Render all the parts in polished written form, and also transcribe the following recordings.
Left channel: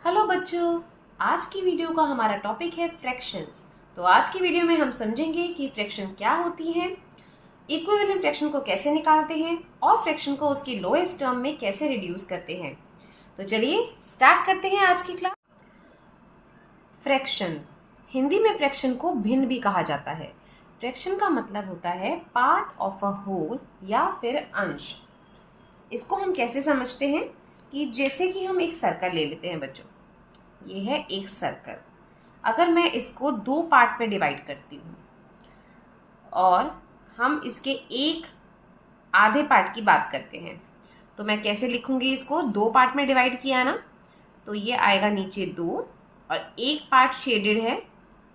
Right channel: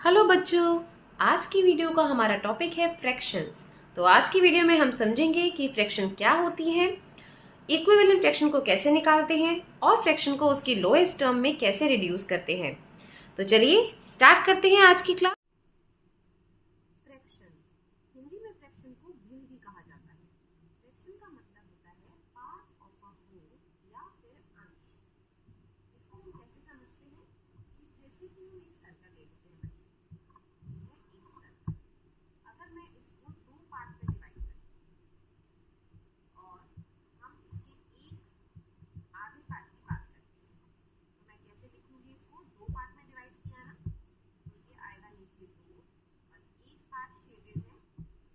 Hello बच्चों, आज की वीडियो का हमारा टॉपिक है फ्रैक्शंस। तो आज की वीडियो में हम समझेंगे कि फ्रैक्शन क्या होती है, इक्विवेलेंट फ्रैक्शन को कैसे निकालते हैं और फ्रैक्शन को उसकी लोएस्ट टर्म में कैसे रिड्यूस करते हैं। तो चलिए स्टार्ट करते हैं आज की क्लास। फ्रैक्शंस, हिंदी में फ्रैक्शन को भिन्न भी कहा जाता है। फ्रैक्शन का मतलब होता है पार्ट ऑफ अ होल या फिर अंश। इसको हम कैसे समझते हैं कि जैसे कि हम एक सर्कल ले लेते हैं बच्चों, ये है एक सर्कल। अगर मैं इसको दो पार्ट में डिवाइड करती हूँ और हम इसके एक आधे पार्ट की बात करते हैं, तो मैं कैसे लिखूंगी इसको? दो पार्ट में डिवाइड किया ना, तो ये आएगा नीचे 2 और एक पार्ट शेडेड है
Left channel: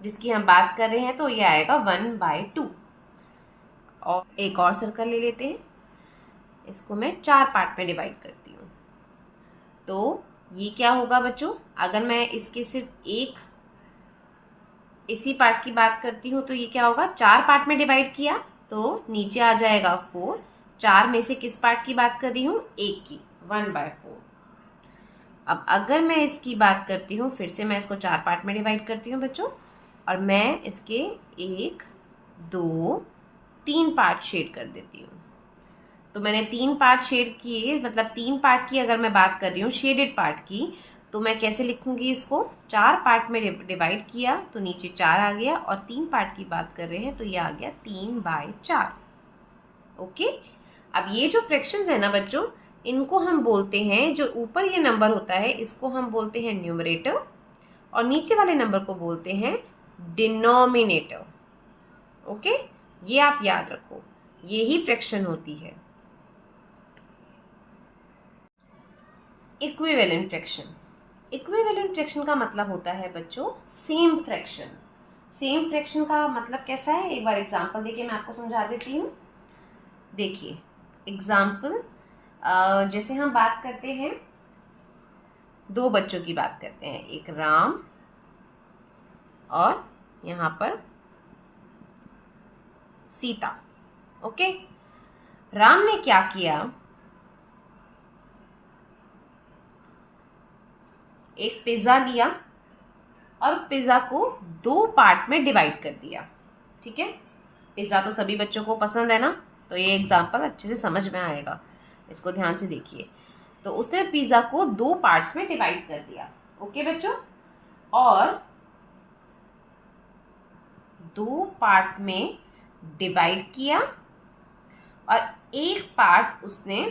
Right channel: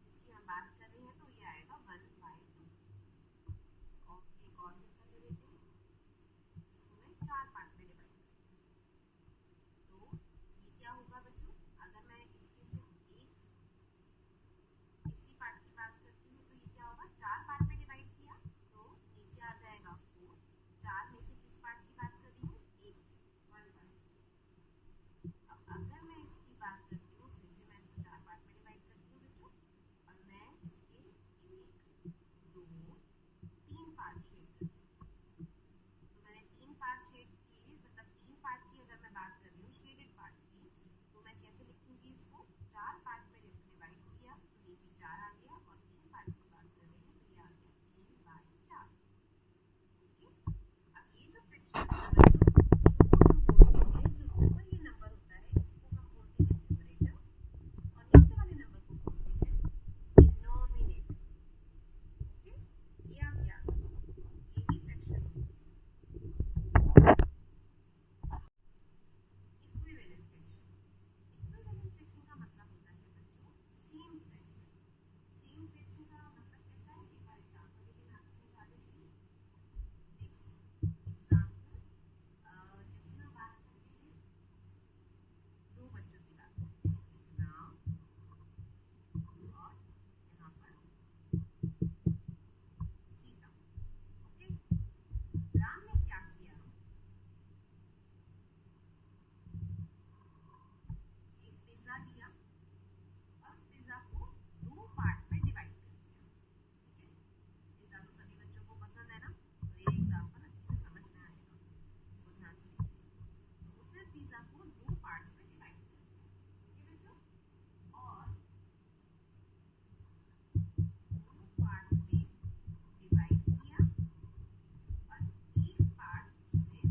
जिसकी हम बात कर रहे हैं, तो ये आएगा 1/2। और एक और सर्कल ले लेते हैं, इसको मैं 4 पार्ट में डिवाइड करती हूँ। तो ये क्या होगा बच्चों? अगर मैं इसके सिर्फ एक इसी पार्ट की बात करती हूँ तो ये क्या होगा? 4 पार्ट में डिवाइड किया तो नीचे आ जाएगा 4। 4 में से किस पार्ट की बात कर रही हूँ? एक की, 1/4। अब अगर मैं इसकी बात करती हूँ, फिर से मैं इसको 4 पार्ट में डिवाइड करती हूँ बच्चों, और मैं इसके 1 2 3 पार्ट शेड कर देती हूँ। तो मैंने 3 पार्ट शेड किए, मतलब 3 पार्ट की अगर मैं बात कर रही हूँ शेडेड पार्ट की, तो मैं कैसे लिखूंगी इसको? 4 पार्ट में डिवाइड किया तो नीचे 4 आ गया, और 3 पार्ट की बात कर रहे हैं तो ये आ गया 3/4। ओके। अब ये जो फ्रैक्शंस है ना बच्चों, इनको हम बोलते हैं, जो ऊपर ये नंबर होता है इसको हम बोलते हैं न्यूमरेटर, और नीचे वाले नंबर को बोलते हैं डिनोमिनेटर। ओके, ये आप याद रखो, ये ही फ्रैक्शन होती है। इक्विवेलेंट फ्रैक्शन, इक्विवेलेंट फ्रैक्शन का मतलब होता है बच्चों सेम फ्रैक्शन। सेम फ्रैक्शन का मतलब कैसा है? एक बार एग्जांपल देखिए, मैं आपको समझा देती हूँ। देखिए एग्जांपल, जैसे हम बात करते हैं, दो बच्चों की बात करते हैं, एक राम और यहाँ पर सीता। ओके, राम ने क्या किया? एक पिज्ज़ा लिया और पिज़्ज़ा को 2 पार्ट में डिवाइड कर दिया। ठीक है, पिज़्ज़ा तो सभी बच्चों को पसंद है ना, तो ये एग्जांपल अच्छे से समझ में आएगा, इसको ध्यान से देखिए। तो उसने पिज़्ज़ा को 2 पार्ट्स में डिवाइड कर दिया। ओके बच्चों, और 2 पार्ट में डिवाइड किया और एक पार्ट उसने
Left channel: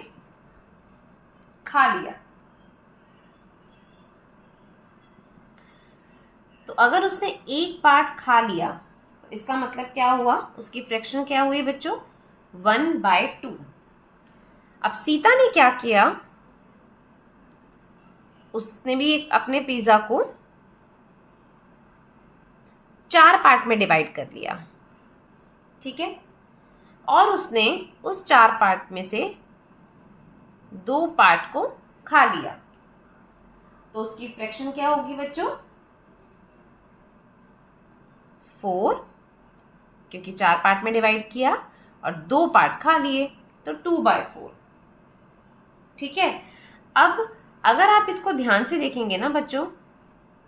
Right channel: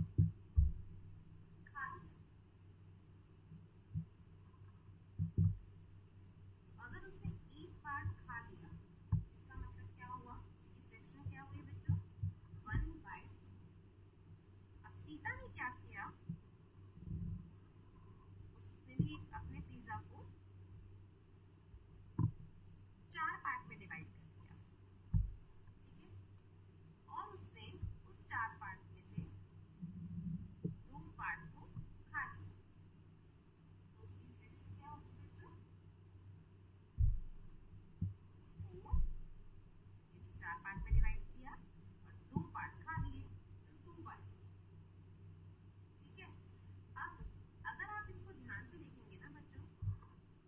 खा लिया। तो अगर उसने एक पार्ट खा लिया तो इसका मतलब क्या हुआ? उसकी फ्रैक्शन क्या हुई बच्चों? 1/2। अब सीता ने क्या किया? उसने भी अपने पिज्जा को 4 पार्ट में डिवाइड कर लिया। ठीक है, और उसने उस 4 पार्ट में से 2 पार्ट को खा लिया। तो उसकी फ्रैक्शन क्या होगी बच्चों? 4, क्योंकि 4 पार्ट में डिवाइड किया और 2 पार्ट खा लिए, तो 2/4। ठीक है, अब अगर आप इसको ध्यान से देखेंगे ना बच्चों,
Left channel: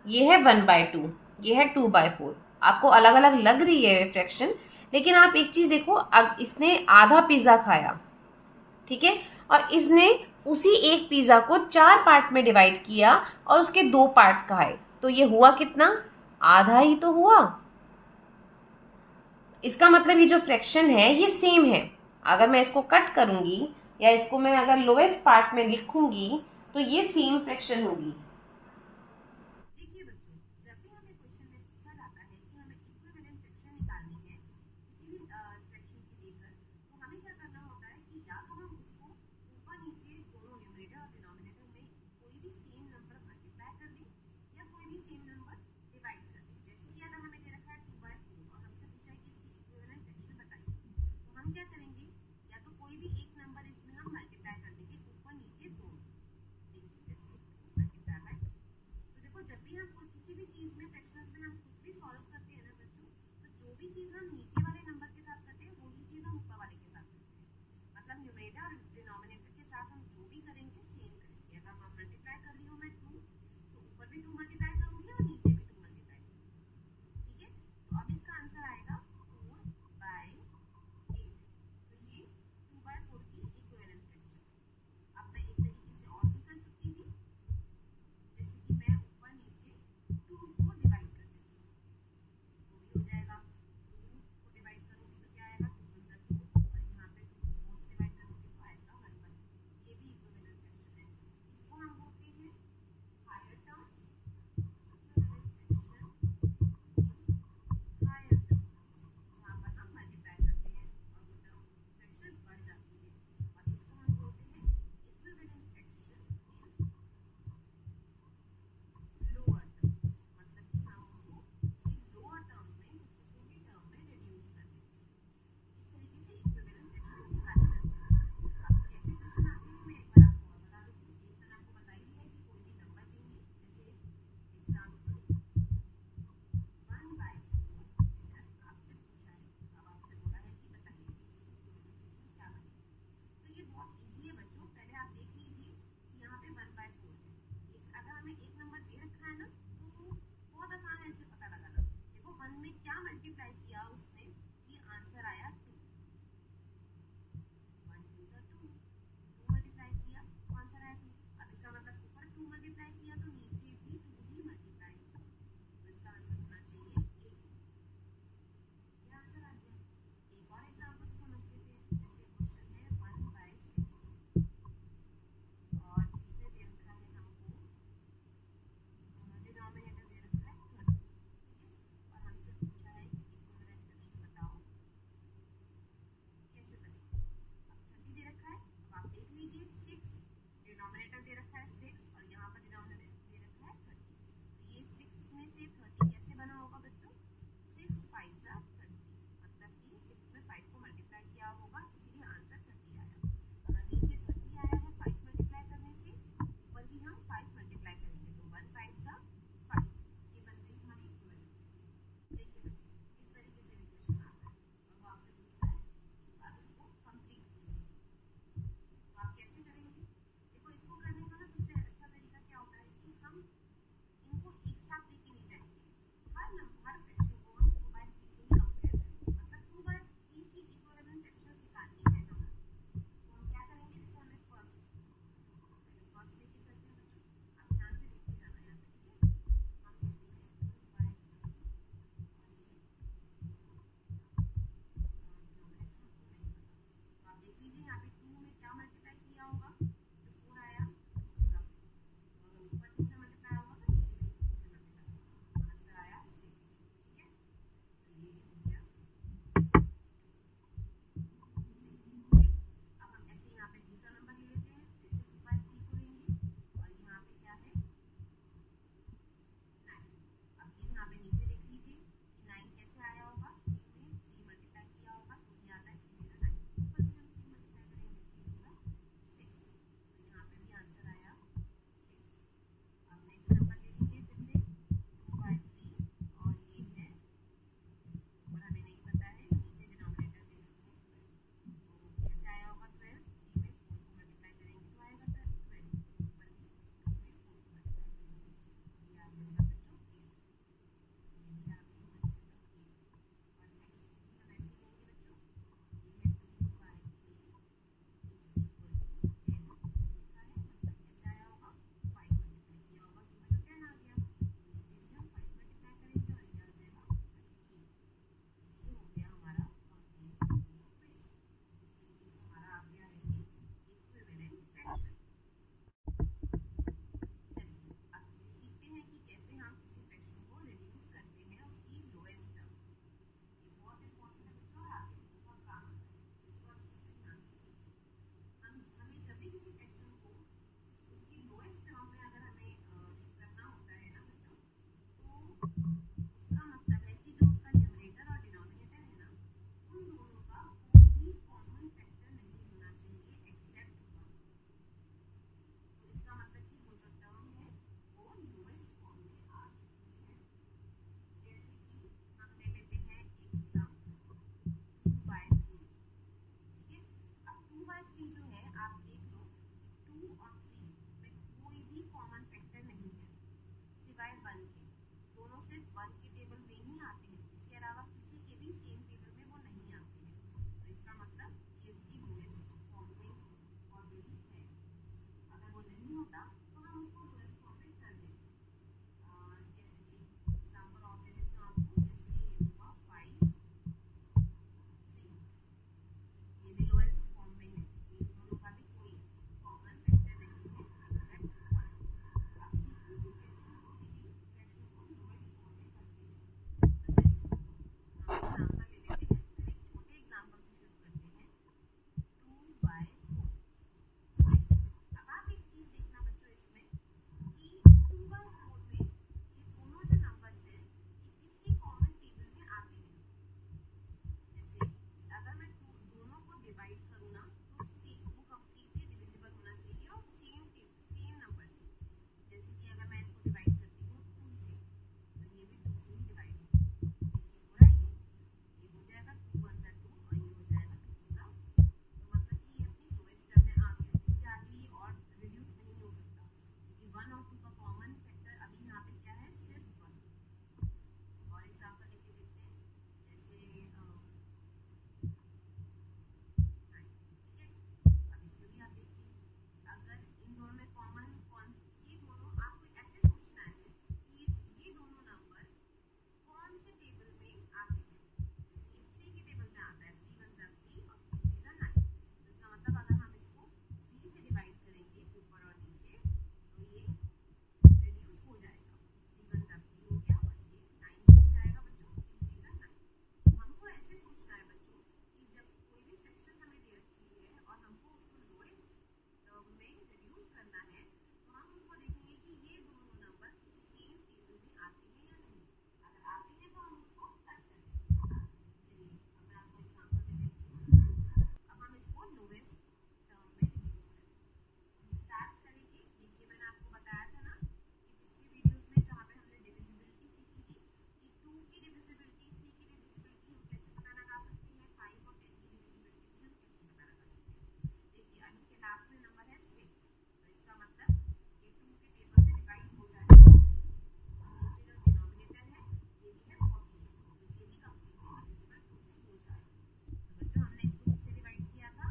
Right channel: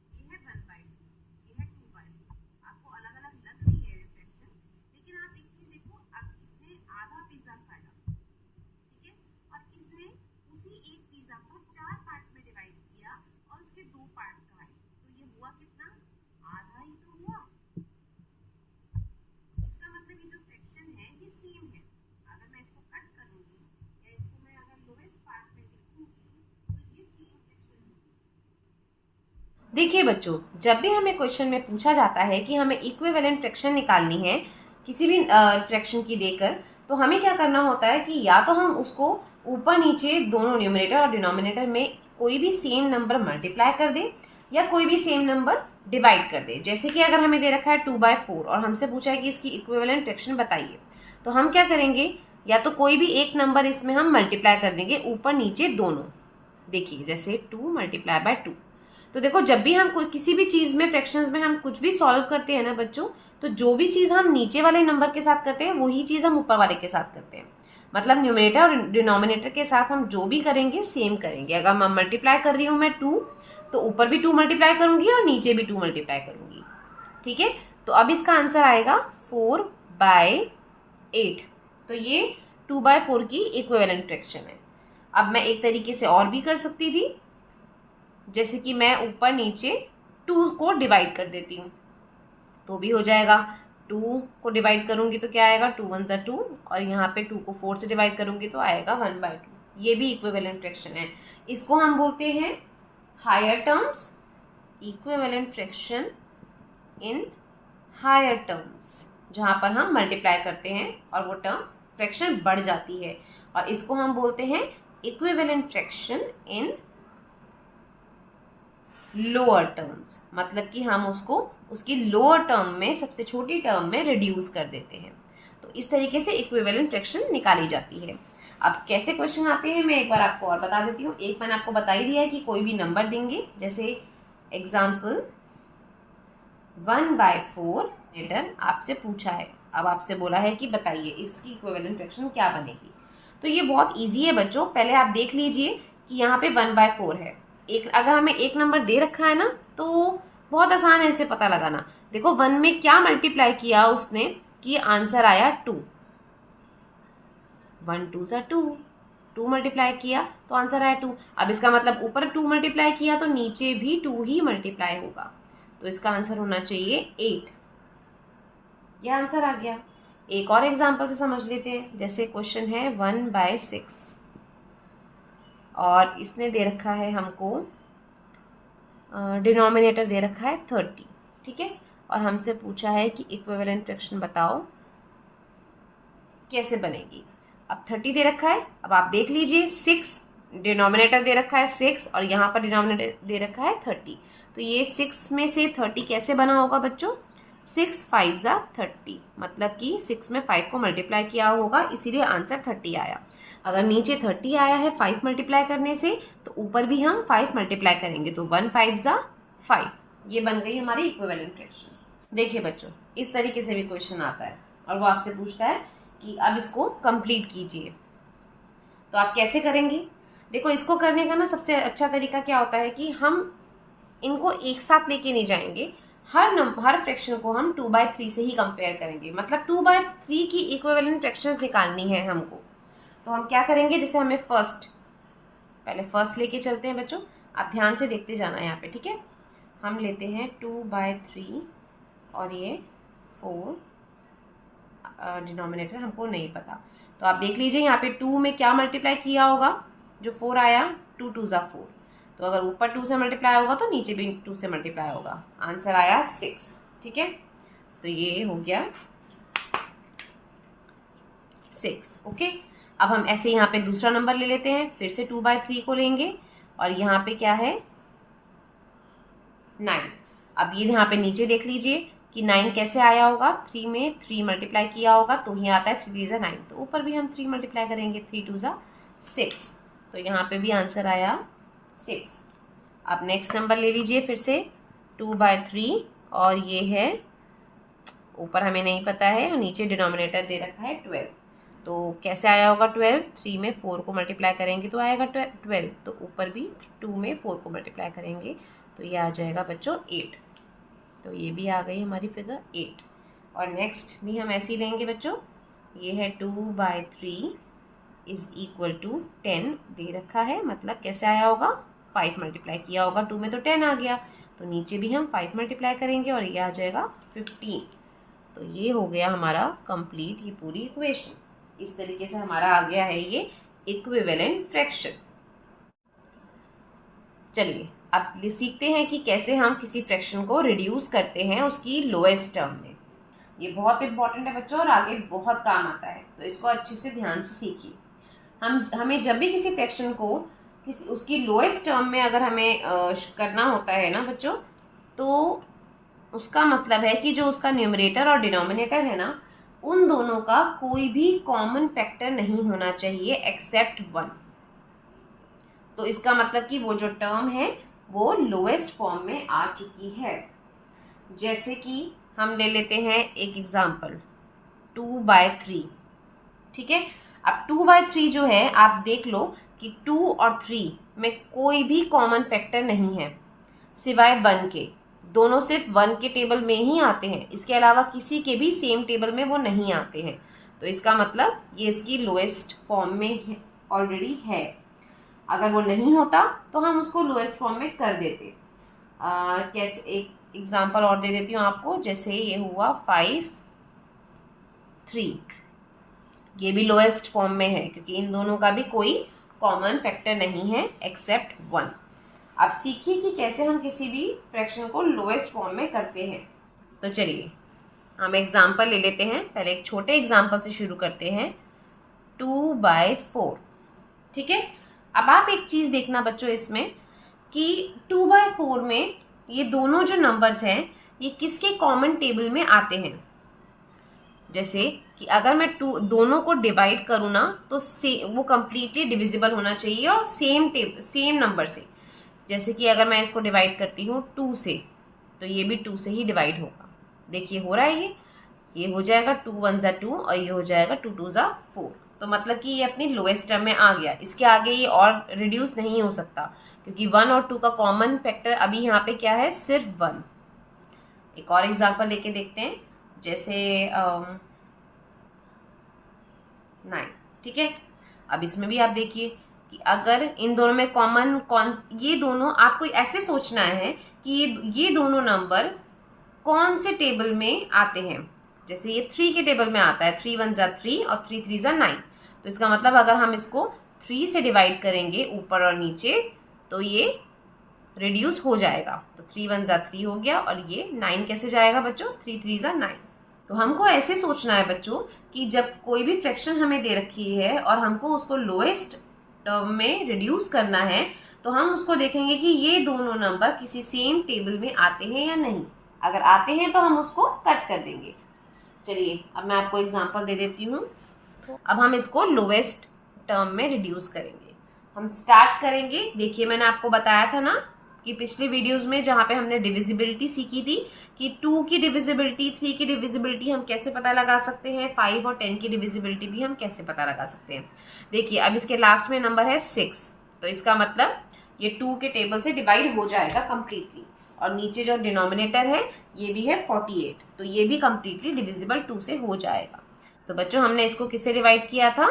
ये है 1/2, ये है 2/4। आपको अलग अलग लग रही है फ्रैक्शन, लेकिन आप एक चीज़ देखो, अब इसने आधा पिज़्ज़ा खाया, ठीक है, और इसने उसी एक पिज़्ज़ा को 4 पार्ट में डिवाइड किया और उसके 2 पार्ट खाए, तो ये हुआ कितना? आधा ही तो हुआ। इसका मतलब ये जो फ्रैक्शन है ये सेम है। अगर मैं इसको कट करूंगी या इसको मैं अगर लोएस्ट पार्ट में लिखूंगी तो ये सेम फ्रैक्शन होगी। देखिए बच्चों, जब भी हमें क्वेश्चन में पूछा जाता है कि हमें इक्विवेलेंट फ्रैक्शन निकालनी है किसी भी फ्रैक्शन की देकर, तो हमें क्या करना होता है कि या तो हम उसको ऊपर नीचे दोनों न्यूमरेटर और डिनोमिनेटर में कोई भी सेम नंबर मल्टीप्लाई कर दें या कोई भी सेम नंबर डिवाइड कर दें। जैसे कि अगर हमें दे रखा है 2/4 और हमसे पूछा है कि इसकी इक्विवेलेंट फ्रैक्शन बताइए, तो हम क्या करेंगे? या तो कोई भी एक नंबर इसमें हम मल्टीप्लाई कर देंगे, ऊपर नीचे दोनों। देखिए जैसे 2 × 2। तो देखो, जब भी हम कोई किसी भी चीज़ में फ्रैक्शंस में हम कुछ भी सॉल्व करते हैं ना बच्चों, तो जो भी चीज़ हम नीचे वाले नंबर के साथ करते हैं वही चीज़ हम ऊपर वाले के साथ करते हैं। मतलब न्यूमरेटर और डिनोमिनेटर के साथ हम जो भी करेंगे सेम करेंगे। अगर मैं मल्टीप्लाई कर रही हूँ मैं 2, तो ऊपर भी 2 मल्टीप्लाई करूँगी और नीचे भी 2 मल्टीप्लाई करूँगी। ठीक है, तो अब इसका आंसर आएगा 4/8। तो ये 2/4 की इक्विवेलेंट फ्रैक्शन है। अब मैं एक तरीके से और भी कर सकती थी, जैसे कि मैं ऊपर नीचे 2 को डिवाइड कर देती हूँ तो भी हो जाएगा। 2 को डिवाइड करूँगी तो क्या आएगा, 2 1 = 2, और यहाँ पे 2 को 4 से डिवाइड करूँगी तो आएगा 1/2। ये भी इक्विवेलेंट फ्रैक्शन है। इसको हम बोलते हैं higher terms, equivalent fraction in higher terms, जहाँ पर हम मल्टीप्लाई करते हैं और वो टर्म फ्रैक्शन बढ़ जाती है, और इसको हम बोलते हैं इक्विवेलेंट फ्रैक्शन इन लोअर टर्म्स। मतलब कि हम उसको उसकी लोअर टर्म में, सबसे छोटी टर्म में रिड्यूस कर देते हैं। तो इस तरीके से इक्विवेलेंट फ्रैक्शन निकाली जाती है। अब कैसे क्वेश्चन आते हैं मैं एक बार आपको और बता देती हूँ। एक मैंने आपको बता ही दिया है कि कोई भी नंबर देंगे, जैसे एग्जाम्पल 1/4 लेटर आपसे पूछा है। अब आपसे बोला है कि बताइए इसकी इक्विवेलेंट फ्रैक्शन क्या बनेगी। तो ये बहुत ईजी है बच्चों। पहले आप देख लीजिए कि यहाँ पे 1/4 है। अगर हमें एक नंबर दे रखा है ना तो बहुत आसान है इसे पता लगाना। देखो 1 में क्या मल्टीप्लाई किया उसने कि आंसर आया 2। 1 2 = 2, 2 मल्टीप्लाई किया तो आंसर आया 2। अब इसका मतलब ऊपर 2 मल्टीप्लाई किया तो नीचे भी 2 ही मल्टीप्लाई होगा, तो इसका आंसर होना चाहिए 8। यह आंसर आ गया। एक और एग्जाम्पल से समझ लेते हैं। जैसे क्वेश्चन है 1/6 और इसने दे रखा है हमको डिनोमिनेटर दे रखा है 30। ठीक है, और हमसे पूछा है कि इक्विवेलेंट फ्रैक्शन बताओ कैसे बनेगी। अब 30 दे रखा है। अब आप देख लीजिए 6 डिनोमिनेटर दे रखा है 6 और यहाँ पर डिनोमिनेटर दे रखा है 30। तो ये 6 में से 30 कैसे बना होगा बच्चों, 6 5 = 30, मतलब कि 6 में 5 को मल्टीप्लाई किया होगा, इसीलिए आंसर 30 आया। अगर नीचे 30 आया है 5 मल्टीप्लाई करने से तो ऊपर भी हम 5 मल्टीप्लाई करेंगे, तो 1 5 = 5। ये बन गई हमारी इक्विवेलेंट फ्रैक्शन। देखिए बच्चों, इस तरीके से भी क्वेश्चन आता है और वो आपसे पूछता है कि अब इसको कंप्लीट कीजिए। तो आप कैसे करेंगे? देखो, इसको करने का ना सबसे अच्छा तरीका क्या होता है कि हम इनको एक साथ लेके नहीं जाएंगे। हर फ्रैक्शन को हम 2/3 से ही कंपेयर करेंगे। मतलब 2/3 की इक्विवेलेंट फ्रैक्शंस निकालनी है हमको। तो हम क्या करेंगे, जैसे हमें पहले फर्स्ट लेके चलते हैं बच्चों। आप ध्यान से देखते जाना यहाँ पे, ठीक है। हम लेते हैं 2/3 और ये 4, डिनोमिनेटर हमको नहीं पता, तो आप देख लीजिए यहाँ पे 2 में क्या मल्टीप्लाई किया होगा, जो 4 आया, 2 2 = 4। तो अगर ऊपर 2 से मल्टीप्लाई होगा तो नीचे भी 2 से मल्टीप्लाई होगा, आंसर आया 6। ठीक है, तो ये हो गया 6। ओके, अब हम ऐसे यहाँ पे दूसरा नंबर ले लेते हैं, फिर से 2/3 को लेंगे और यहाँ पे क्या है 9। अब ये यहाँ पे नीचे देख लीजिए कि 9 कैसे आया होगा, 3 में 3 मल्टीप्लाई किया होगा तो ही आता है 3 3 = 9। तो ऊपर भी हम 3 मल्टीप्लाई करेंगे, 3 2 = 6। तो यहाँ पे भी आंसर आया 6। अब नेक्स्ट नंबर ले लीजिए फिर से 2/3 और ये है ऊपर हमें नहीं पता है और नीचे डिनोमिनेटर दे रखा है 12। तो कैसे आया होगा 12, 3 में 4 को मल्टीप्लाई करेंगे तो आएगा 12। तो ऊपर भी 2 में 4 को मल्टीप्लाई करेंगे तो ये आ जाएगा बच्चों 8। तो ये भी आ गई हमारी फिगर 8। और नेक्स्ट भी हम ऐसे ही लेंगे बच्चों। ये है 2/3 = 10 दे रखा है, मतलब कैसे आया होगा, 5 मल्टीप्लाई किया होगा 2 में तो 10 आ गया। तो नीचे भी हम 5 मल्टीप्लाई करेंगे और ये आ जाएगा 15। तो ये हो गया हमारा कंप्लीट ये पूरी इक्वेशन। इस तरीके से हमारा आ गया है ये इक्विवेलेंट फ्रैक्शन। चलिए अब सीखते हैं कि कैसे हम किसी फ्रैक्शन को रिड्यूस करते हैं उसकी लोएस्ट टर्म में। ये बहुत इंपॉर्टेंट है बच्चों और आगे बहुत काम आता है, तो इसको अच्छे से ध्यान से सीखिए। हमें जब भी किसी फ्रैक्शन को उसकी लोएस्ट टर्म में अगर हमें करना होता है ना बच्चों, तो उसका मतलब है कि जो उसका न्यूमरेटर और डिनोमिनेटर है ना, उन दोनों का कोई भी कॉमन फैक्टर नहीं होना चाहिए एक्सेप्ट 1। तो इसका मतलब कि वो जो टर्म है वो लोएस्ट फॉर्म में आ चुकी है। जैसे कि हम ले लेते हैं एक एग्जाम्पल 2/3। ठीक है, अब 2/3 जो है आप देख लो कि 2 और 3 में कोई भी कॉमन फैक्टर नहीं है। सिवाय 1 के। दोनों सिर्फ 1 के टेबल में ही आते हैं, इसके अलावा किसी के भी सेम टेबल में वो नहीं आते हैं। तो इसका मतलब ये इसकी लोएस्ट फॉर्म में ऑलरेडी है। अगर वो नहीं होता तो हम उसको लोएस्ट फॉर्म में कर देते। कैसे, एक एग्जांपल और दे देती हूँ आपको। जैसे ये हुआ 5 3, ये भी लोएस्ट फॉर्म में है क्योंकि इन दोनों का भी कोई कॉमन फैक्टर नहीं है एक्सेप्ट 1। अब सीखिए कि कैसे हम किसी भी फ्रैक्शन को लोएस्ट फॉर्म में करते हैं। तो चलिए हम एग्जांपल ले लेते हैं। पहले एक छोटे एग्जांपल से शुरू करते हैं, 2/4। ठीक है। अब आप एक चीज़ देखना बच्चों इसमें कि 2/4 में ये दोनों जो नंबर्स हैं ये किसके कॉमन टेबल में आते हैं। जैसे कि अगर मैं दोनों को डिवाइड करूँ ना तो वो कम्प्लीटली डिविजिबल होना चाहिए और सेम नंबर से। जैसे कि अगर मैं इसको डिवाइड करती हूँ 2 से तो ये भी 2 से ही डिवाइड होगा। देखिए हो रहा है, ये हो जाएगा 2 1 ज़ा 2 और ये हो जाएगा 2 2 ज़ा 4। तो मतलब कि ये अपनी लोएस्ट टर्म में आ गया। इसके आगे ये और रिड्यूस नहीं हो सकता क्योंकि 1 और 2 का कॉमन फैक्टर अभी यहाँ पे क्या है, सिर्फ 1। एक और एग्जांपल लेके देखते हैं, जैसे 9। ठीक है। अब इसमें भी आप देखिए कि अगर इन दोनों में ये दोनों, आपको ऐसे सोचना है कि ये दोनों नंबर कौन से टेबल में आते हैं। जैसे ये 3 के टेबल में आता है, 3 1 ज़ा 3 और 3 3 ज़ा 9। तो इसका मतलब अगर हम इसको 3 से डिवाइड करेंगे ऊपर और नीचे तो ये रिड्यूस हो जाएगा। तो 3 1 ज़ा 3 हो गया और ये 9 कैसे जाएगा बच्चों, 3 3 ज़ा 9। तो हमको ऐसे सोचना है बच्चों कि जब कोई भी फ्रैक्शन हमें दे रखी है और हमको उसको लोएस्ट टर्म में रिड्यूस करना है तो हम उसको देखेंगे कि ये दोनों नंबर किसी सेम टेबल में आते हैं या नहीं। अगर आते हैं तो हम उसको कट कर देंगे। चलिए अब मैं आपको एग्जांपल दे देती हूँ। अब हम इसको लोएस्ट टर्म में रिड्यूस करेंगे। हम स्टार्ट करेंगे। देखिए मैंने आपको बताया था ना कि पिछले वीडियोस में जहाँ पे हमने डिविजिबिलिटी सीखी थी कि 2 की डिविजिबिलिटी, 3 की डिविजिबिलिटी हम कैसे पता लगा सकते हैं, 5 और 10 की डिविजिबिलिटी भी हम कैसे पता लगा सकते हैं। देखिए अब इसके लास्ट में नंबर है 6, तो इसका मतलब ये 2 के टेबल से डिवाइड हो जाएगा कम्प्लीटली। और नीचे जो डिनोमिनेटर है ये भी है 48, तो ये भी कम्प्लीटली डिविजिबल 2 से हो जाएगा। तो बच्चों हमने इसको किससे डिवाइड किया था,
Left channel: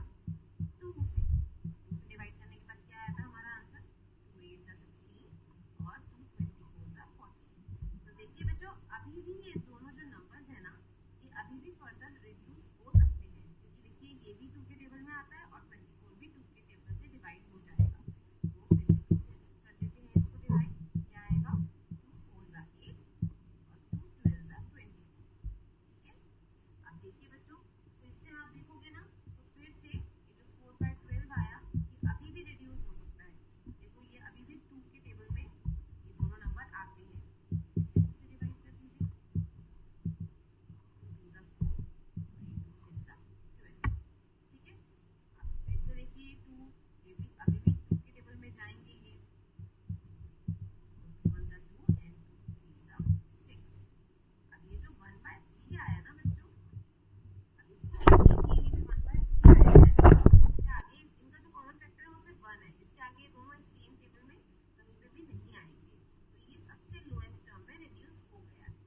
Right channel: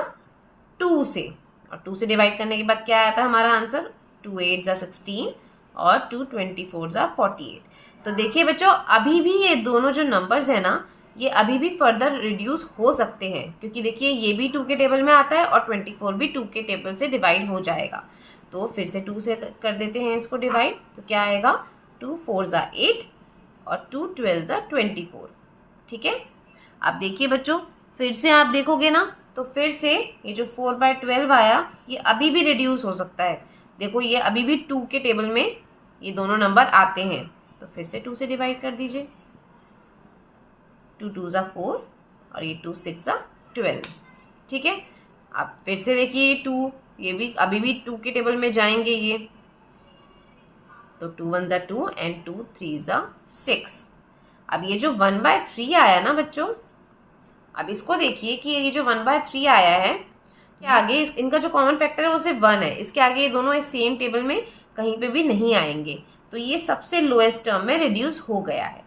2 से। और 2 से डिवाइड करने के बाद क्या आया था हमारा आंसर, 2 8 ज़ा 16 और 2 24 ज़ा 48। तो देखिए बच्चों अभी भी ये दोनों जो नंबर्स हैं ना ये अभी भी फर्दर रिड्यूस हो सकते हैं क्योंकि देखिए ये भी 2 के टेबल में आता है और 24 भी 2 के टेबल से डिवाइड हो जाएगा। तो फिर से 2 से कर देते हैं इसको डिवाइड, तो क्या आएगा, 2 4 ज़ा 8 और 2 12 ज़ा 24। ठीक है। अब देखिए बच्चों फिर से आप देखोगे ना तो फिर से ये जो 4/12 आया ये अभी भी रिड्यूस हो सकता है। देखो ये अभी भी 2 के टेबल में ये दोनों नंबर आते हैं, तो फिर से 2 से डिवाइड कर दीजिए, 2 2 ज़ा 4 और ये 2 6 ज़ा 12। ठीक है। अब फिर से देखिए 2, ये भी अभी भी 2 के टेबल में जाएंगे ये, तो 2 1 ज़ा 2 एंड 2 3 ज़ा 6। अब ये जो 1/3 आया ना बच्चों, अब इसको देखिए कि ये जो 1/3 आया है के आगे इनका जो कॉमन फैक्टर है वो सिर्फ 1 है। इसके आगे ये दोनों सेम टेबल में कहीं पे भी नहीं आएंगे, तो ये सबसे लोएस्ट टर्म में रिड्यूस हो गया है।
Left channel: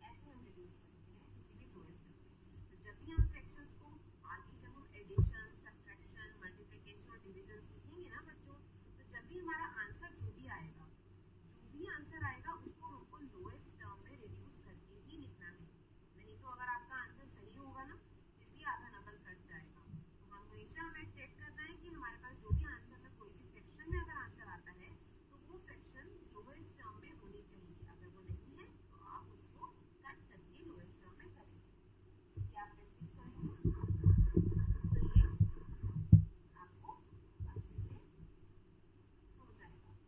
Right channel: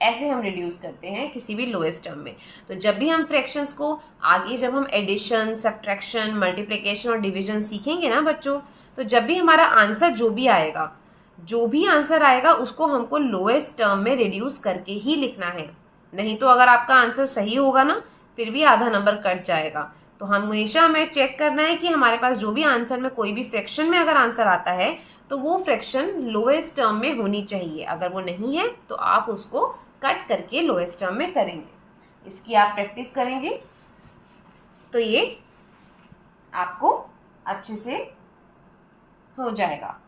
ऐसे हम रिड्यूस करते हैं किसी भी लोएस्ट टर्म में। तो जब भी हम फ्रैक्शंस को आगे जब हम एडिशन, सब्ट्रैक्शन, मल्टीप्लिकेशन और डिवीजन सीखेंगे ना बच्चों, तो जब भी हमारा आंसर जो भी आंसर आएगा उसको हमको लोएस्ट टर्म में रिड्यूस करके ही लिखना है। नहीं तो अगर आपका आंसर सही होगा ना फिर भी आधा नंबर कट जाएगा। तो हमेशा हमें चेक करना है कि हमारे पास जो भी आंसर में कोई भी फ्रैक्शन में अगर आंसर आता है तो वो फ्रैक्शन लोएस्ट टर्म में होनी चाहिए। अगर वो नहीं है तो आप उसको कट करके लोएस्ट टर्म में करेंगे। इसकी आप प्रैक्टिस करेंगे तो ये आपको अच्छे से हो जाएगा।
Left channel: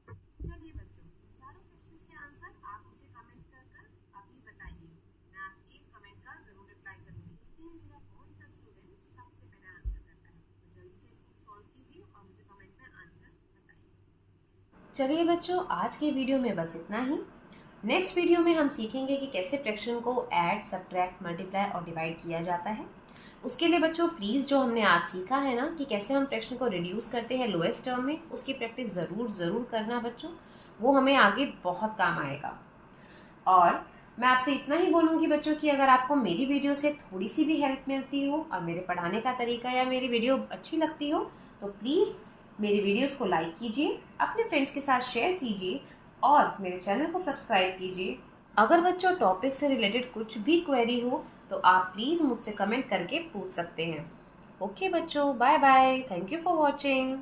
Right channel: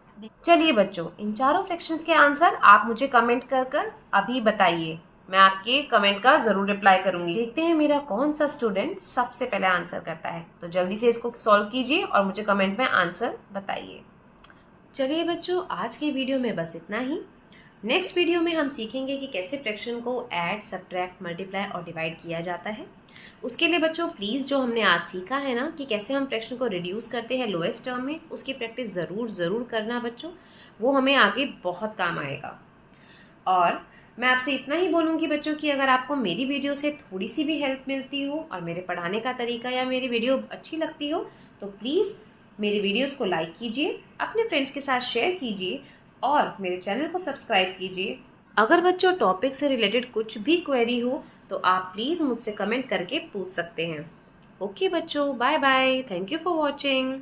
चलिए बच्चों इन चारों फ्रैक्शंस के आंसर आप मुझे कमेंट कर अभी बताइए। मैं आपके कमेंट का ज़रूर रिप्लाई करूंगी। देखते हैं मेरा कौन सा स्टूडेंट सबसे पहले आंसर करता है। तो जल्दी से इसको सॉल्व कीजिए और मुझे कमेंट में आंसर बताइए। चलिए बच्चों आज के वीडियो में बस इतना ही। नेक्स्ट वीडियो में हम सीखेंगे कि कैसे फ्रैक्शन को ऐड, सब्ट्रैक्ट, मल्टीप्लाई और डिवाइड किया जाता है। उसके लिए बच्चों प्लीज़ जो हमने आज सीखा है ना कि कैसे हम फ्रैक्शन को रिड्यूस करते हैं लोएस्ट टर्म में, उसकी प्रैक्टिस ज़रूर करना बच्चों, वो हमें आगे बहुत काम आएगा। और मैं आपसे इतना ही बोलूँगी बच्चों कि अगर आपको मेरी वीडियो से थोड़ी सी भी हेल्प मिलती हो और मेरे पढ़ाने का तरीका या मेरी वीडियो अच्छी लगती हो तो प्लीज़ मेरी वीडियोस को लाइक कीजिए, अपने फ्रेंड्स के साथ शेयर कीजिए और मेरे चैनल को सब्सक्राइब कीजिए। अगर बच्चों टॉपिक से रिलेटेड कुछ भी क्वेरी हो तो आप प्लीज़ मुझसे कमेंट करके पूछ सकते हैं। ओके बच्चों, bye bye, thank you for watching.